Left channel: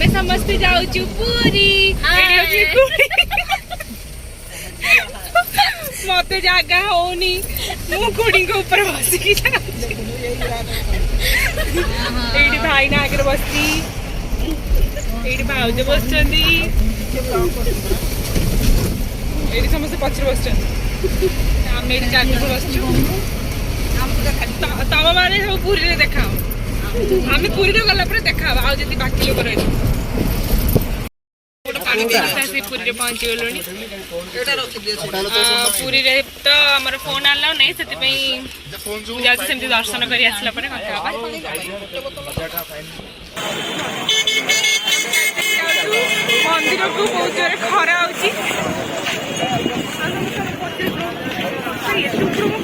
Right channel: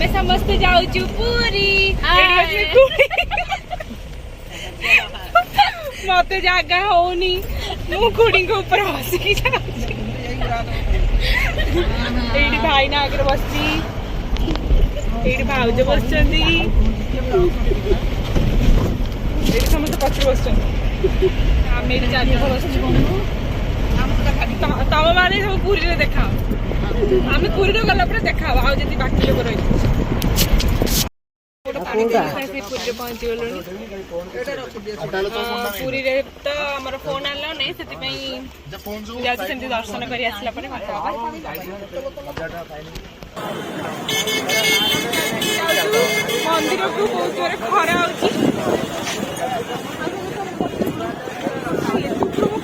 आमे समस्ते जाऊचु पूरी मत जगह होनी मु खुड़ी को ऊपर बसिकी भाई ना आगे बसती भाउज बस समस्त पक्ष बस आम जगह बसचु तम मैंने सब पूरी देखा आम पूरी गला देखा आज बाकी लोग रही पूरी पहुंची गलु पूरी तो आम फोन आलाउ नहीं से जाती दर्शन कर आसला मंदिर को बहुत जोर खरा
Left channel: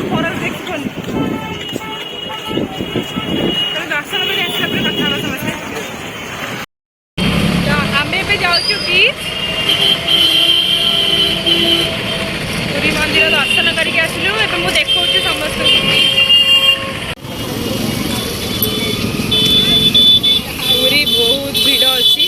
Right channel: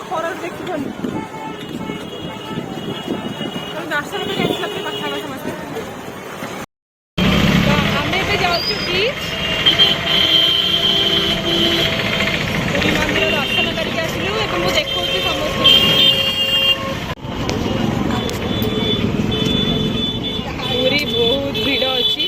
खरा देख दर्शन कर आसला कथा समस्ते तो आम जाऊँ कि पूरी मंदिर दर्शन करके आसलु मुझे देखा समस्त पूरी बहुत भीड़ अच्छी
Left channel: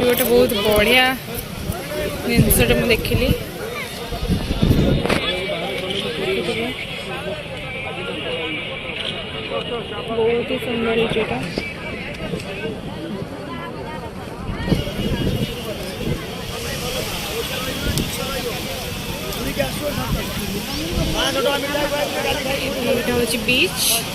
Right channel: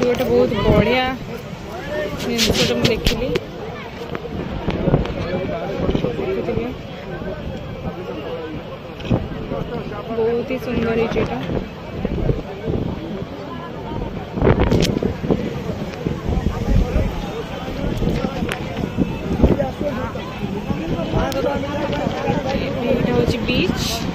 गोटे बहुत बढ़िया जिनसटे मुझे देखिली बहुत ही सुंदर है हूँ बीच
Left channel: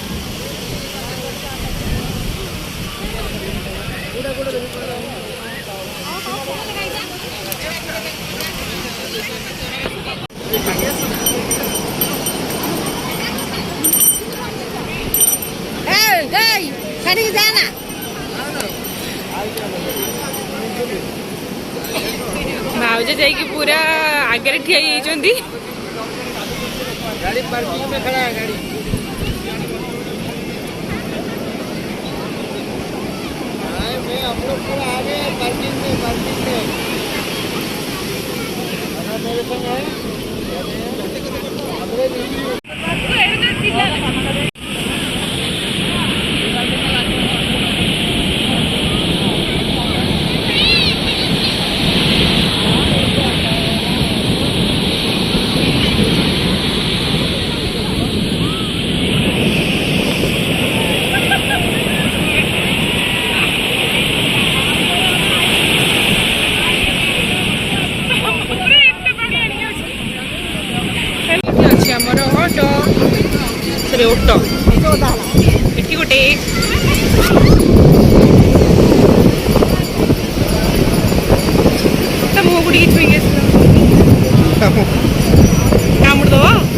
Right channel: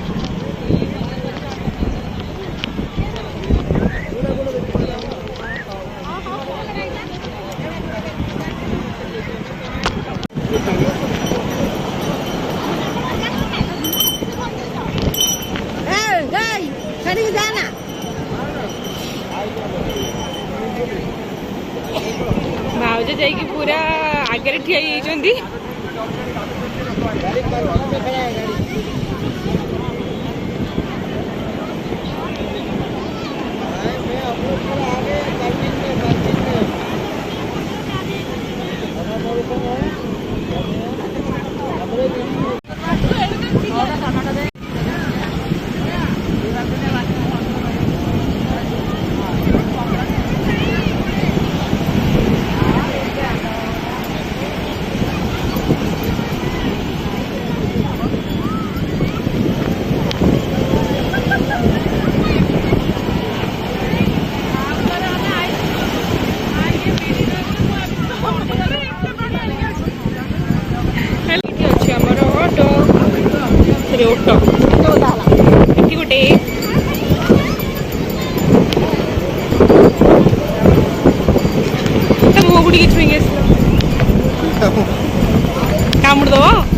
भाउज जाइए पूरा आगे ठिया आमर ऑटो से ऑटो ये गोटे मुह गुड़ी छुई कामुड़ दब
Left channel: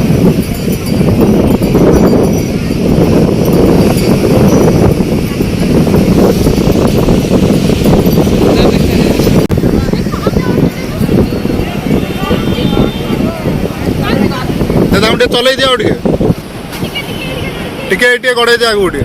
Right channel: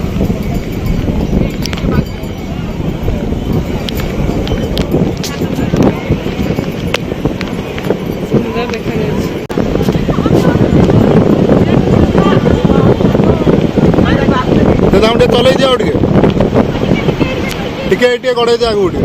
चल दिया टे गड़े जा गोटे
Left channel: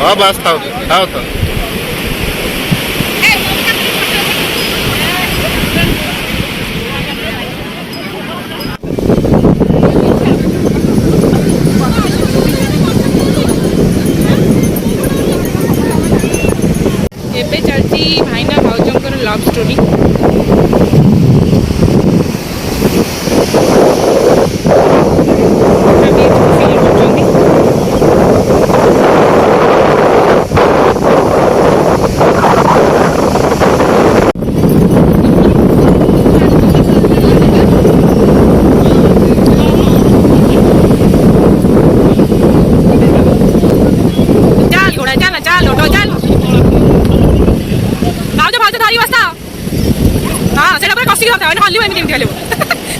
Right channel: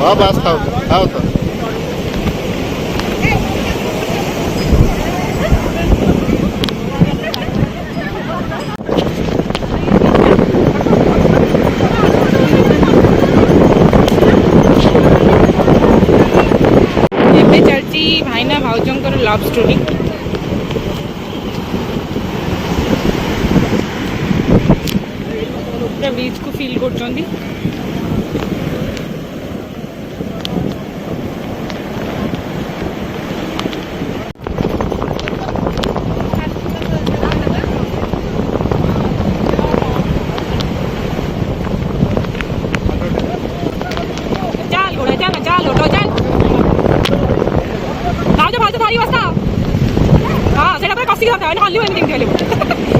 हाँ बस था तो चलती भाईना भाउजंकर लव स्टोरी बीच को फील कर चल घोड़ा चल चल ऑटो चल भाउज भाउज ଧରିକି ବସା ହଁ ସେଇଟା ପୁରା କଷିକି ଧରିଥା ହଲିବ ଏମିତି କେମିତି ହଲିବ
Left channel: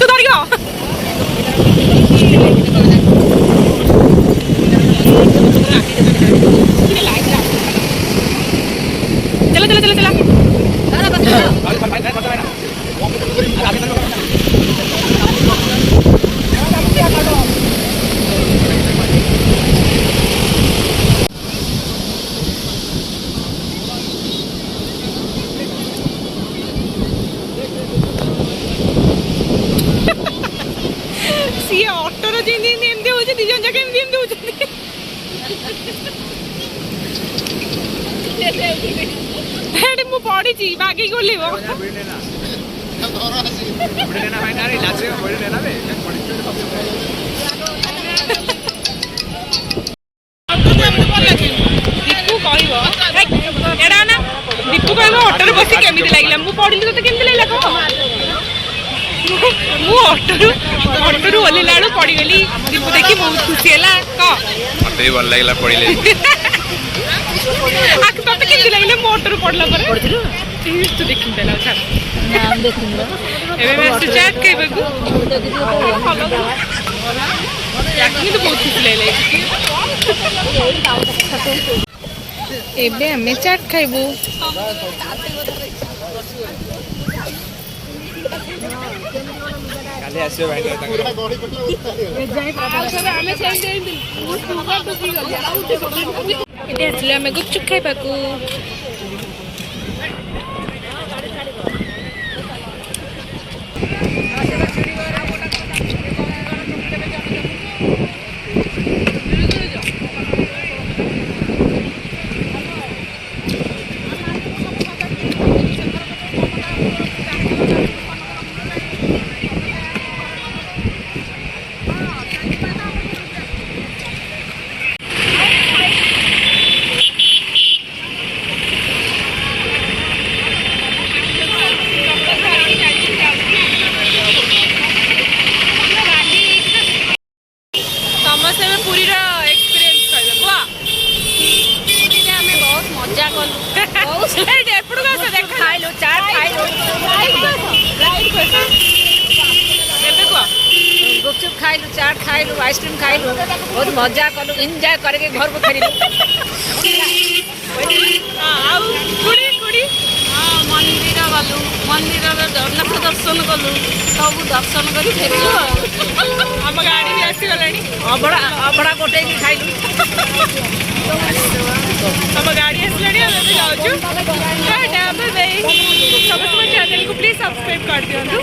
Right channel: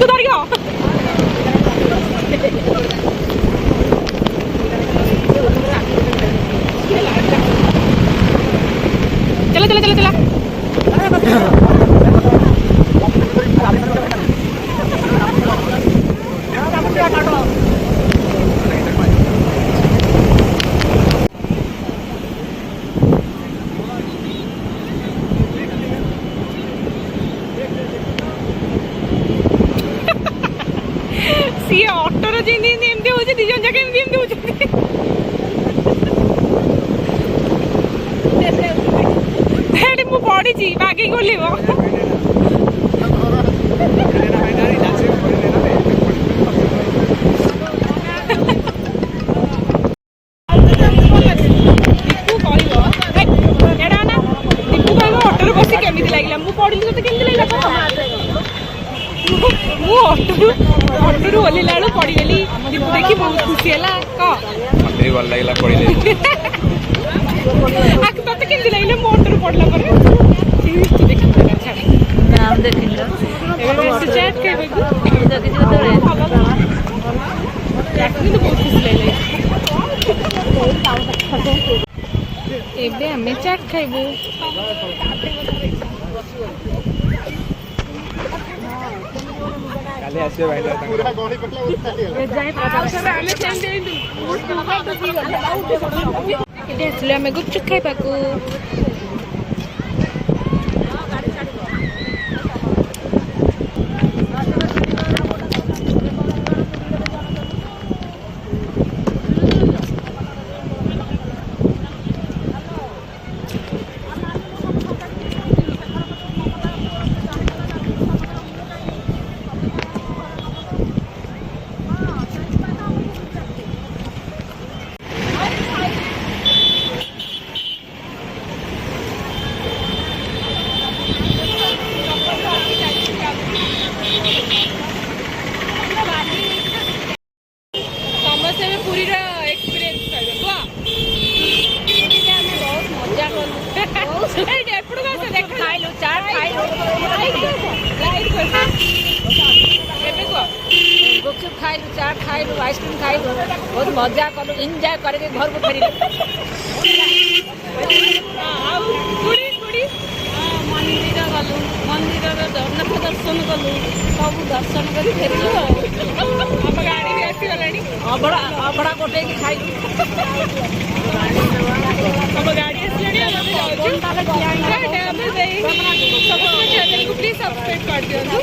ତୁ ଧରିକି चला चला चला चला सी ऑटोर जेमती एमती हो दी जन जाके एमती एमती हो मु पड़ी बागी गोलिब दीपू कह ना दीपू कह ऑटोर बस केमी लगे मुझे पढ़ी तो केमी लगे कह मु ऑटोरू ओल्ला बेलू पड़गली दीपू देखी बहुत खुशी है कह मत भी भल लगे पड़े तोते केमती लगे मो ऑटोरू पड़ला तू देखी देला चाट खाइबा तो बहुत खुशी लगे एबे हमें चाट खाइबू काले आसे भाई पूरा गड़ी कटला एटे आसले आमे गुपचुप खाइबाकू समस्ते में पूरी एक्सपीरियंस कर बुआ पूरी में हमें बहुत मजा कलु बहुत एपड़ का देखा खाइलु चाट खाइलु गुपचुप खाइलु चाट खाइलु आइसक्रीम खाइलु बहुत मजा कलु एंजॉय करके घर को फेरिलु हां कुड़ी कुड़ी हां मंदिर गलु मंदिर जगन्नाथ दर्शन कलु सब दर्शन करी फेरिलु हम गाड़ी भी आसी गलानी अबड़ा अबड़ा कोटे की खाइलु हम गाड़ी आसलानी हम जाउछु टाटा बाय बाय सब चैनल को प्लीज सब्सक्राइब कर दियंतु।